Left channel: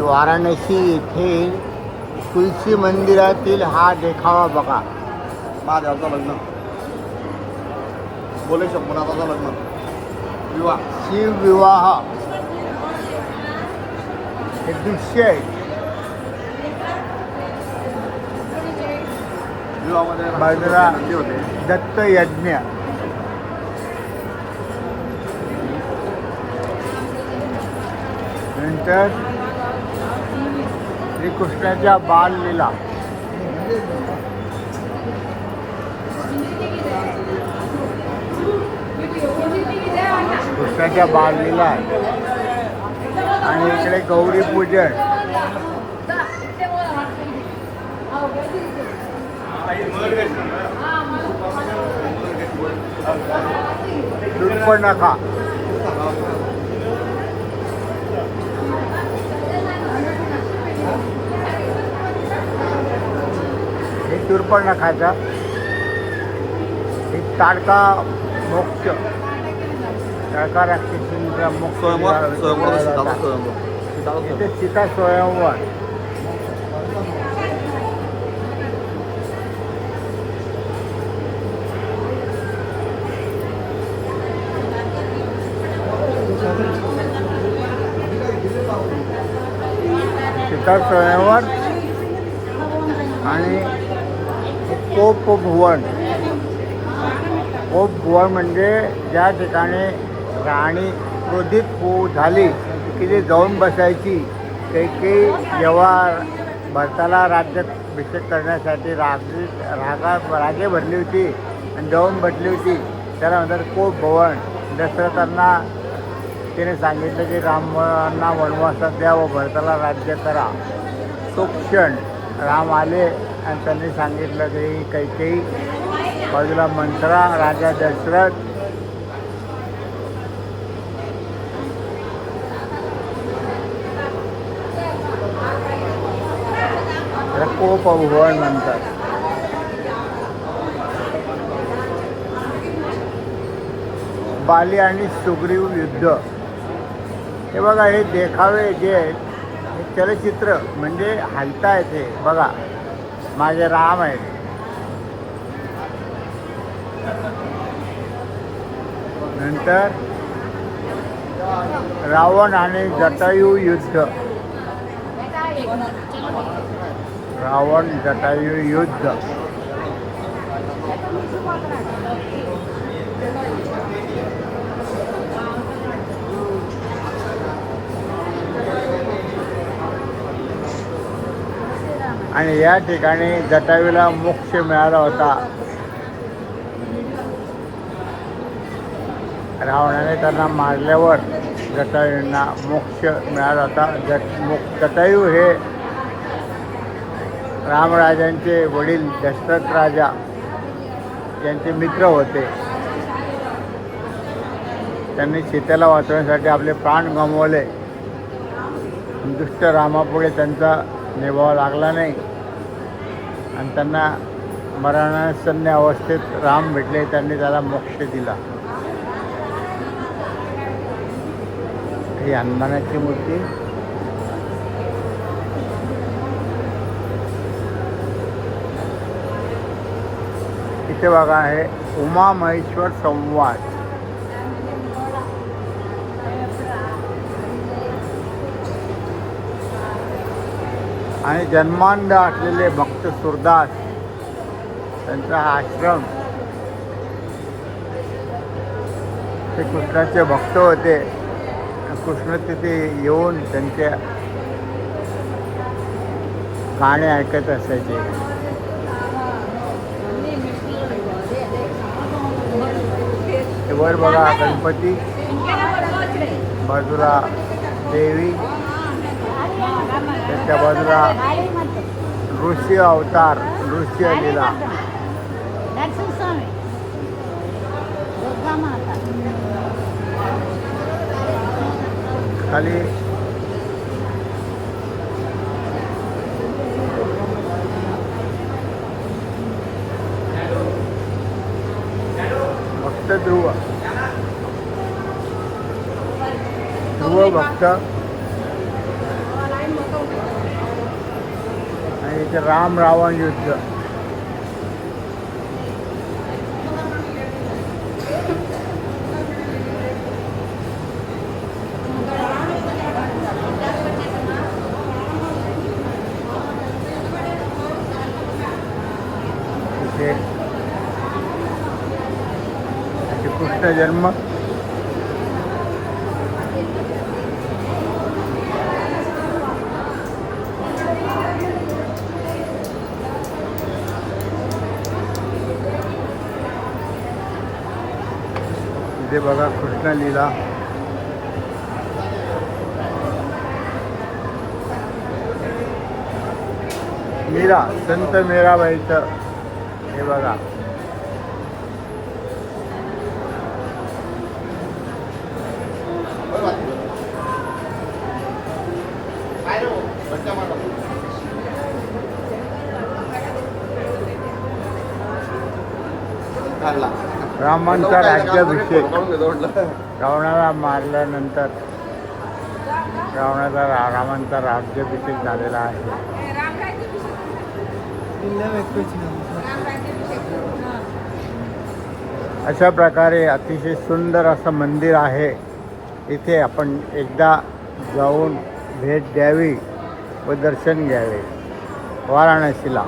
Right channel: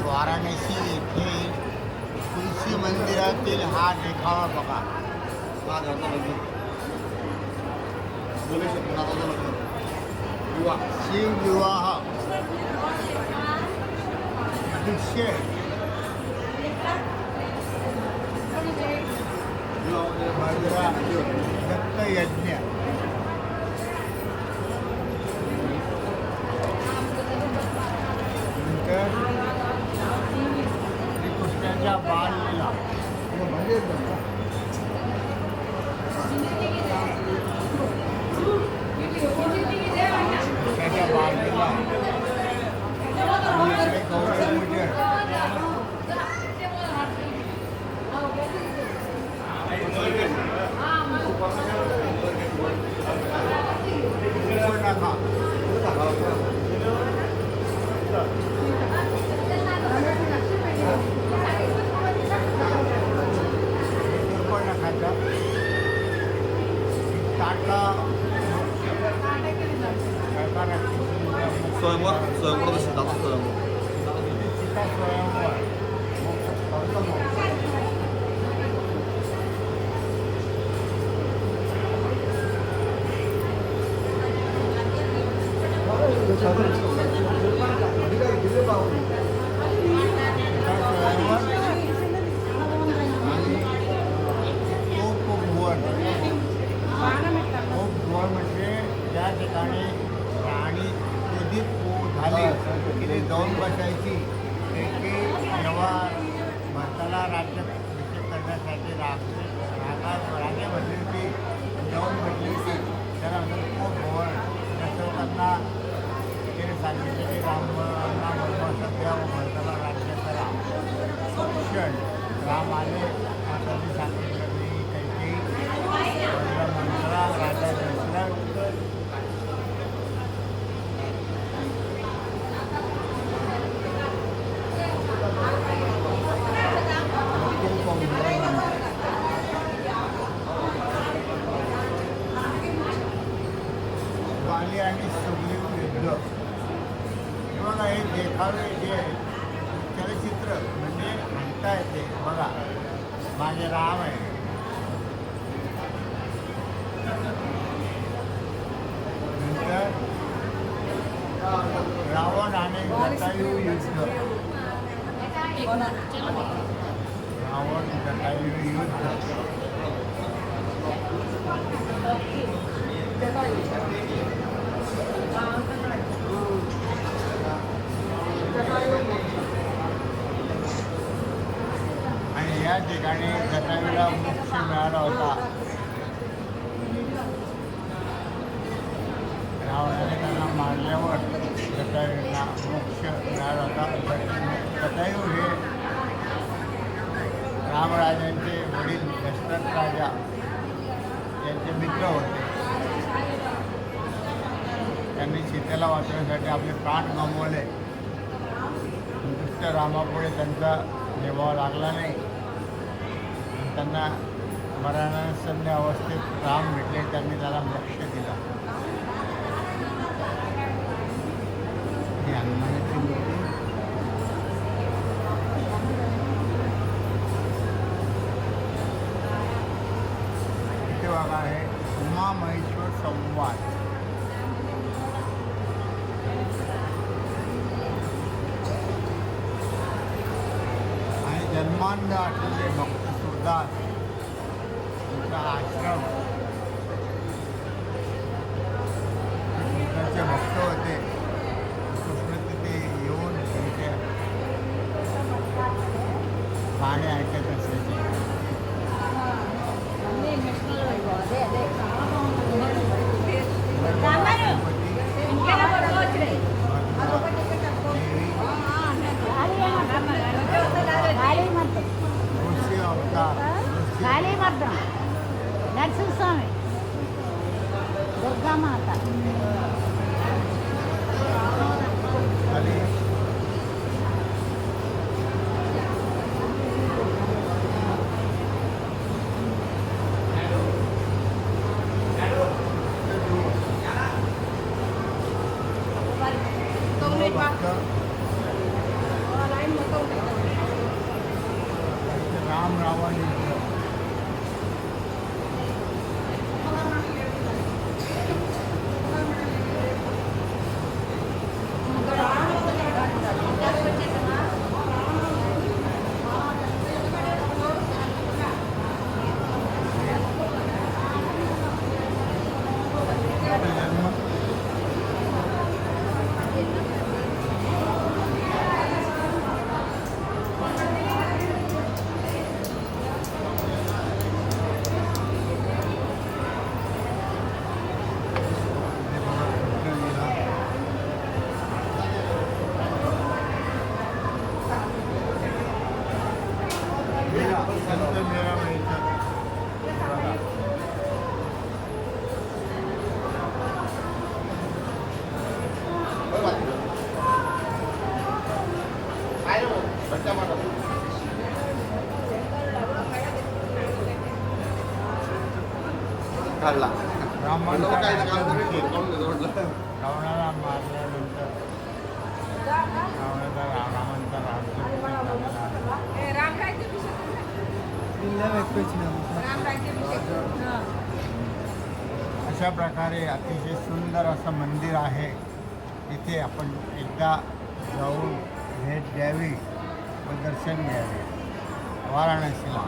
वाराणसी येथे तुलसी मंदिरातील हा देखावा बघा. महादेवाचं लग्न बोले शंभरनाथाचं लग्न विवाह शिवविवाह हे दृश्य आहे. विवाहामध्ये बाजूला नंदी होते. दत्त यज्ञ, नंतर श्रीकृष्णाच्या बाललीला, कृष्णाच्या बाललीला आणि इकडे गौरी पूजन. शूर्पणखा हे शूर्पणखाचा एक ताडका मोक्ष, ताडका राक्षसीचा मोक्ष. स्वयंवर सीताचा स्वयंवर इथे सीता स्वयंवर. सीता स्वयंवर आणि कोपभुवन. कोपभुवन म्हणजे ज्या ठिकाणी राणी क्रोधित झाली की ते जाऊन बसायची. काही जेव्हा भरताला राज्याभिषेक करण्यासाठी रागे भरली होती आणि जाऊन बसली होती, त्याला म्हणतात कोपभुवन. दशरथांना तिने सांगितलं की रामांना वनवासात द्या व भरताला राज्य करा. तो क्षण राम आले आणि त्यांनी सांगितलं की कैकेयी, बाजूला मंत्रा, राजा दशरथ. कोपभुवन म्हणतात. बाली आणि सुग्रीव युद्ध. हे बघा, हे देखावे जे चलचित्र म्हणजे हलता येते बघा. माझे राम आहेत. नंतर रावण आणि जटायू युद्ध. रावण जटायू युद्ध. आणि या ठिकाणी जटायूला मोक्ष मिळाला होता. रावणाने त्यांना मारल्यावर जटायूंना मोक्ष मिळाला होता. जटायू हे रामराजांचे वडील दशरथ राजा यांचे मित्र होते. त्यांनी सीतेला वाचवण्यासाठी आपले प्राण गमावले. दुष्ट रामापुढे त्यांचा निभाव लागला नाही आणि त्यांना मरणासन्न अवस्थेत राम भेटले. त्यांनी त्याला मोक्ष दिला. ही हनुमानाची मूर्ती. इथे बघा, हे उमा महेश्वर संवाद. आणि जन्मांध असलेले भक्त सुरदास त्यांचा आश्रम. ते कृष्णाचे भक्त होते. कृष्ण तिथे येऊन त्यांचे गाणे ऐकत असायचे. वर बघा गणपती, बाजूला देवी, त्या बाजूला ऋषी अवतार, ऋषी लीला. खाली भक्त ध्रुव भक्त इथे राम रावण युद्ध. इथे कृष्ण जन्म. इथे बघा कृष्ण लीला. मीरा संत मीराबाईचं हे बघा. काढला रामांचा राज्याभिषेक. काढून देतो म्हटलं. रावणाला मारल्यानंतर रामांचा राज्याभिषेक झालेला आहे. अशा प्रकारे अतिशय सुंदर असं मंदिर आहे. इथे आपण एकदा जाऊन भेट द्यावी व दर्शन घ्यावे वाराणसीला.